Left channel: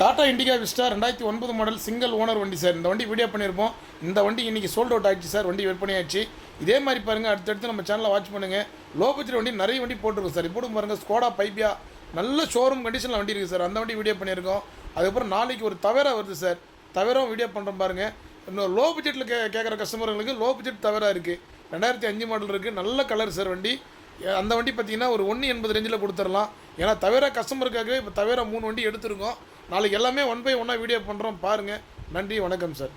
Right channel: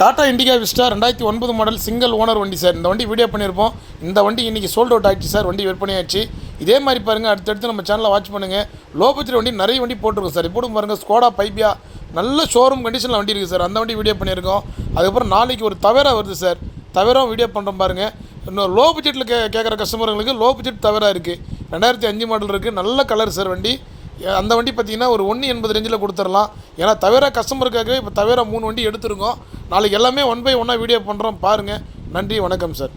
Tata Indica Vista ரெண்டாயிரத்தி ஒன்பது model single owner வண்டி சார். இந்த வண்டி வீடியோ பண்ணியிருப்போம். இந்த வண்டி இன்றைக்கி சோல்ட் அவுட் ஆகிடுச்சு சார். வண்டி விற்பனை ஆயிடுச்சு. இதே மாதிரி பாருங்கள் அடுத்தடுத்து நம்ம சேனலில் வாட்ச் பண்ணுங்கள் லோ பட்ஜெட் வண்டி நிறைய வண்டி போட்டிருக்கோம் சார். இப்போ பாருங்கள் ஸ்கோடா பைப்பியா நல்ல ஷோரூம் கண்டிஷனில் வண்டி இருக்குது சார். அந்த வண்டி வீடியோ பண்ணியிருக்கோம். அதுக்கப்புறம் நாளைக்கு ஒரு தவேரா வருது சார். தவேரா வீடியோ பண்ணுறோம் பாருங்கள் இன்னும் லோ பட்ஜெட்டில் கே கேட்குற கஸ்டமர்களுக்கு லோ பட்ஜெட் தவேரா இருக்குது ரெண்டாயிரத்தி அஞ்சு மாடல் இருக்குது நல்ல கலர் சார் வண்டி. அந்த வண்டி பார்த்தீங்கன்னா ஒரு ஒன்று எண்பது ரேஞ்சில் கொடுத்துடலாம். ஏன்னா தவிர கஸ்டமருக்காகவே இப்போ தவிர மூணு வண்டி எடுத்துருக்கோம். நாளைக்கு எல்லாமே ஒன் பை ஒன்னாக வீடியோ பண்ணுறோம் பாருங்கள் நன்றி வணக்கம் சார்